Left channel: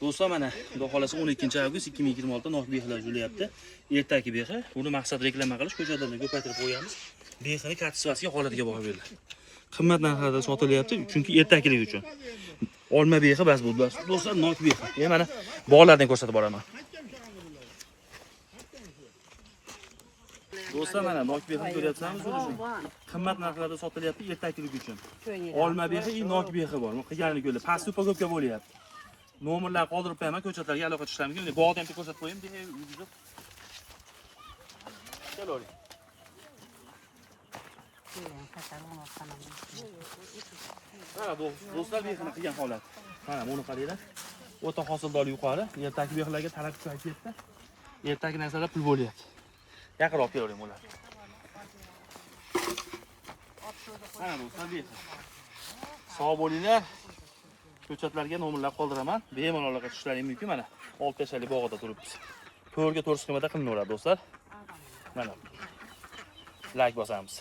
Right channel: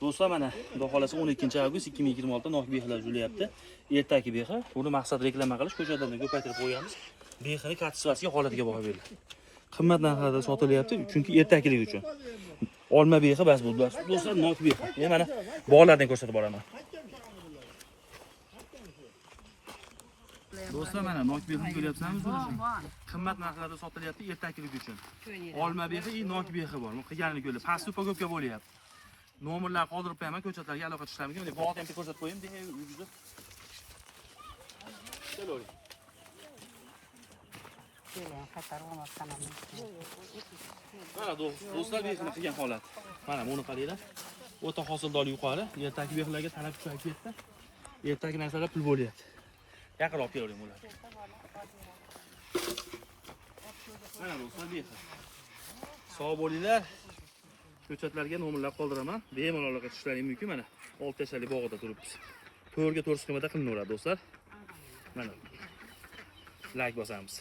Do'stlar, mana xudo xolasa 12-avgust 2026 da nok behilar julayapti. Ertaki behi. Buni maqsad reklama qilish, ko'chadan ko'paytirib qo'yamiz. Behini katsivasiga holatiga baho beriladi. Qimmat narxlarda sotilyapti, chunki ertakilik uchun. Olma behi bas bu. Do'stlar, nok behi. Men mana bog'lardan ko'rsatib boraman. Do'stlar, mana nok behini ko'ryapsizmi o'zingizlar? Qimmat narxlarda sotilyapti ertakilik uchun. Olma behi, nok behi bor. Bu qilganini ko'rdi. Past upagovka bo'lyapti. Nomerlar qoldirib qo'yaman, ko'chatlarga aloqa qilishlarga. Mana bog'da ham ko'rsatib qo'yim, deya o'zingizlar. Keling. Mana do'stlar, behini qilgan holat. Mana buni qaranglar. O'ta hosildorlik yuqori. Ertaki behilarga talab kuchayib ketdi. Ertaki narsalar pul bo'lyapti. Yaqinroq olib beravering ularni. Mana do'stlar, behi. Sog' bo'linglar. Ko'chatlarga nomerlar qoldiraman. Bemalol aloqa qilishlaring mumkin. Mana 6 tashali bog'ida turibmiz. To'rga 4 qiymatda qilinaveradi do'stlar. Mana. Like bosamiz.